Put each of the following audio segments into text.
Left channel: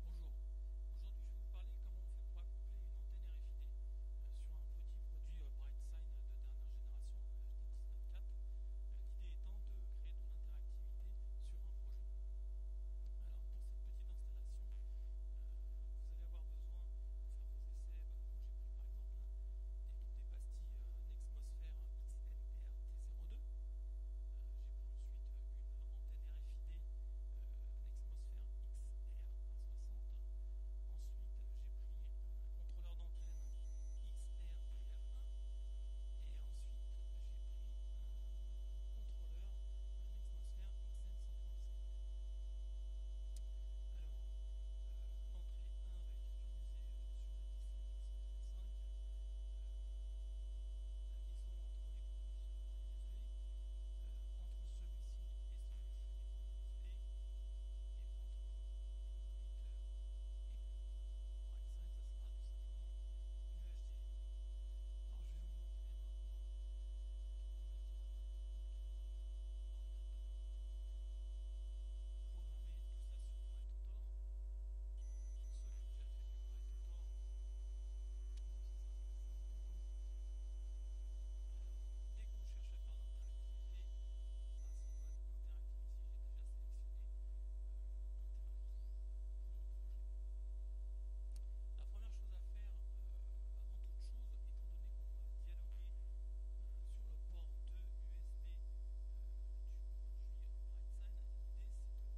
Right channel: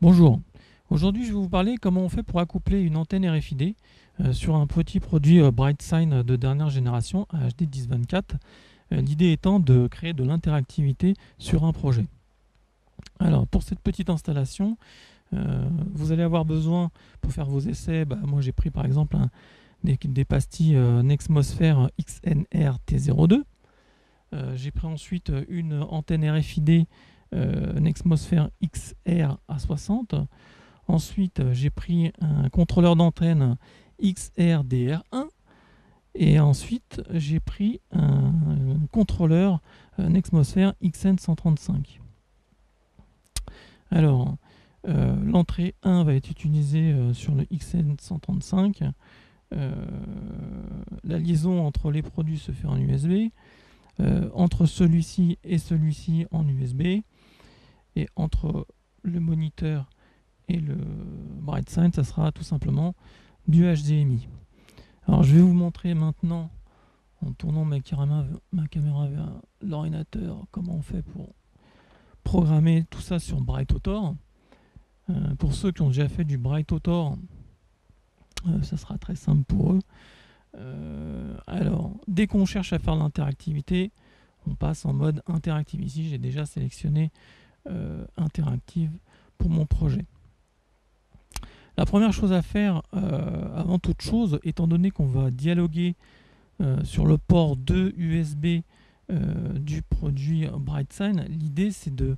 Bonjour. Aujourd'hui, je vais vous parler comment on fait pour accoupler une antenne RFID sur un petit produit BrightSign de dernière génération HD 1024. L'idée étant de créer de l'interactivité sur un projet. Alors, pour cette petite installation, vous allez avoir besoin, pour faire vos essais, moi j'ai pris par exemple des pastilles Nexmosfère XNR T02. J'ai pris ensuite une antenne RFID Nexmosfère XR A60. Ensuite, j'ai pris un contrôleur d'antenne XRDR1 et ensuite j'ai pris un contrôleur Nexmosfère XN135. Alors, l'entrée 1 va être utilisée sur le XN135. La liaison entre les produits se fait en USB. Entre celui-ci et celui-ci en USB. Et entre le moniteur et le BrightSign, ça sera tout simplement du HDMI. Alors je vais vous montrer maintenant, en tournant ma caméra vers l'ordinateur, comment on fait pour programmer tout ça sur BrightAutor. Pour ceux qui ont déjà fait du BrightAutor, ça sera très simple pour eux. Alors, dès qu'on cherche à faire l'interactivité, on passe en mode interactive. Ici, j'ai déjà sélectionné interactive pour mon projet. La première chose à faire, avant toute chose, étant donné qu'on va dialoguer sur le port 2 USB du produit BrightSign, l'idée c'est de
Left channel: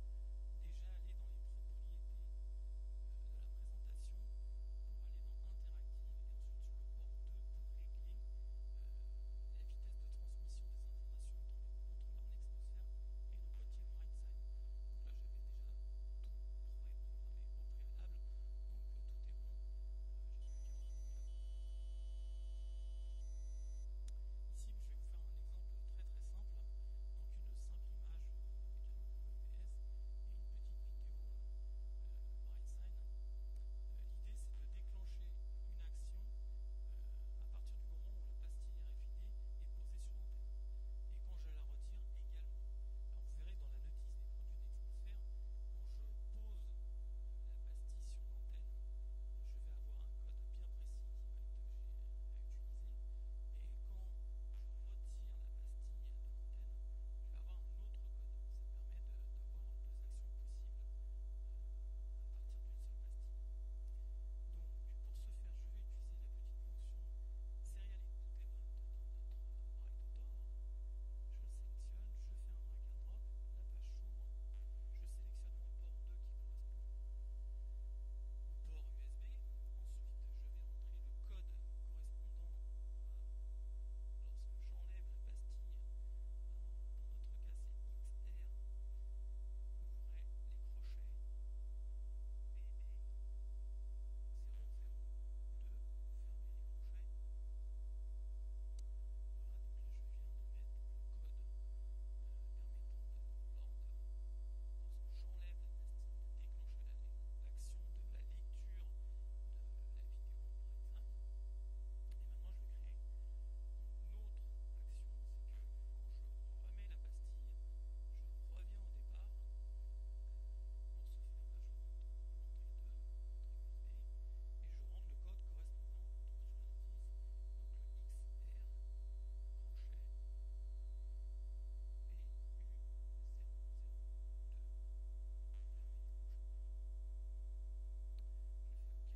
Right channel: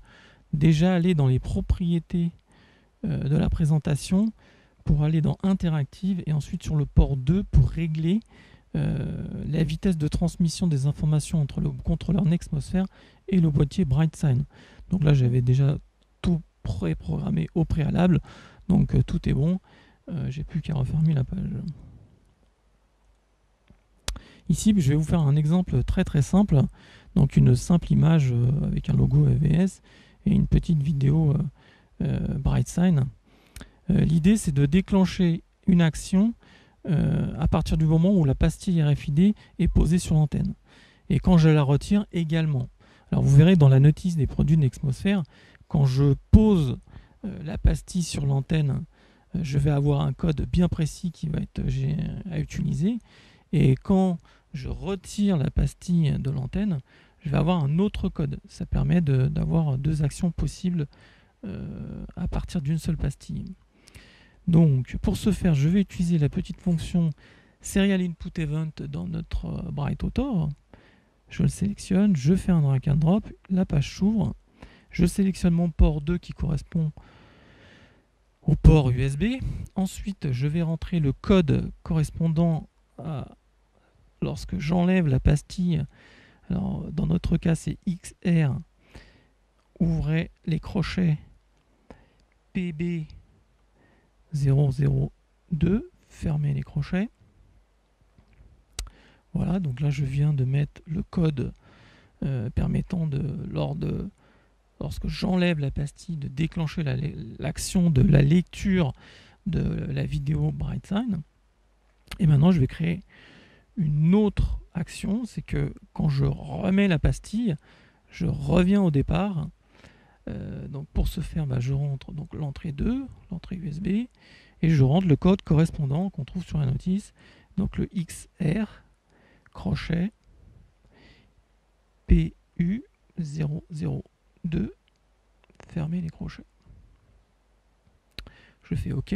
déjà aller dans les propriétés de la présentation pour aller dans Interactive et ensuite sur le port 2 pour régler la vitesse de transmission des informations entre le contrôleur Nexmosfère et le boîtier BrightSign. Donc là j'avais déjà tout préprogrammé au préalable, donc tout est bon. J'ai plus qu'à refermer la page. Ici, je vais vous faire un exemple très très simple. Donc une simple image avec un logo EVS et une petite vidéo BrightSign. L'idée, c'est de déclencher une action à partir du moment où la pastille RFID est posée sur l'antenne. Et quand je la retire également. Alors vous verrez dans la notice des produits Nexmosfère, quand je pose la pastille sur l'antenne, je vais avoir un code bien précis qui va être à utiliser. Et quand je retire la pastille de l'antenne, je vais avoir un autre code. Ça permet d'avoir deux actions possibles à partir d'une seule pastille. Donc, pour ce faire, je vais utiliser la petite fonction Serial Input Event dans notre BrightAutor. Je le sélectionne, je fais un drag and drop, la page s'ouvre, je sélectionne mon port 2 qui correspond au port USB. Ensuite, je vais rentrer le code correspondant à lorsque j'enlève la pastille. Alors, dans notre cas, c'est XR. Ouvrez les crochets PB002. Fermez les crochets. Voilà, donc là, je viens de mettre le code permettant lorsque j'enlève la pastille, de déclencher l'action de la lecture de la vidéo BrightSign. Et maintenant, je vais créer une autre action, c'est que quand je remets la pastille, je reviens au départ. Donc pour ce faire, je rentre donc l'entrée 2, l'entrée USB, et je rentre le code correspondant qu'on trouve sur la notice, donc le XR crochet PU002, fermer les crochets. Je fais OK.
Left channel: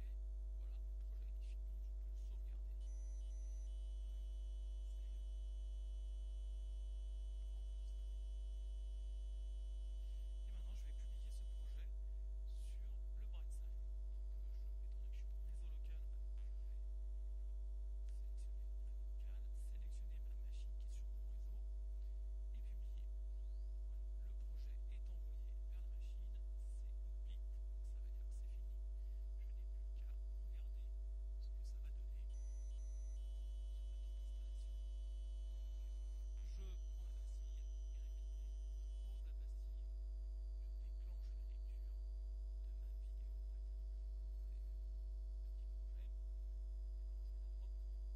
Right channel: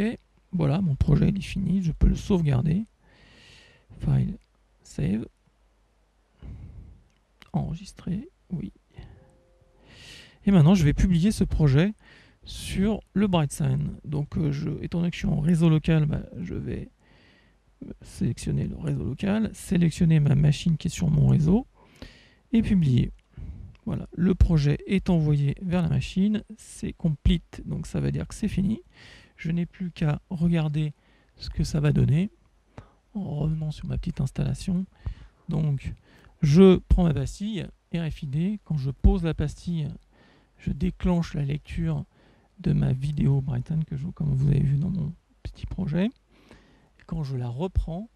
Voilà, mon projet il est fini, je peux le sauvegarder. File, save, enregistrer, oui. Et maintenant, je vais publier ce projet sur le BrightSign. Donc, étant donné que je suis en réseau local, je vais sélectionner le réseau local, sélectionner ma machine qui est sur mon réseau et publier. Voilà, le projet est envoyé vers la machine, c'est complete, donc ça veut dire que c'est fini. Je n'ai plus qu'à regarder ce que ça va donner en revenant sur ma petite installation. Donc, je prends ma pastille RFID, quand je pose la pastille, je déclenche la lecture de ma vidéo BrightSign comme vous avez vu dans mon petit projet. Et quand je la reprends,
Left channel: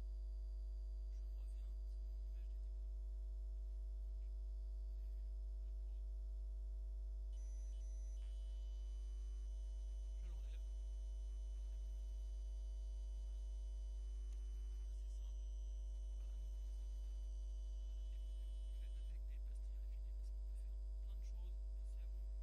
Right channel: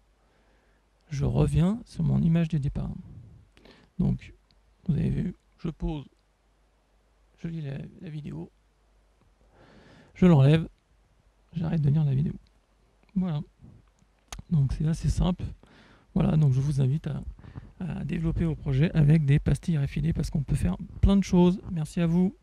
je reviens sur mon image de départ. Donc, vous avez vu, je pose, je lis la vidéo, je l'enlève, j'arrête de lire la vidéo. Voilà. Donc c'est assez simple. Voilà, donc je vous invite à développer vos projets avec des pastilles RFID parce qu'on peut faire plein de choses. Merci à vous.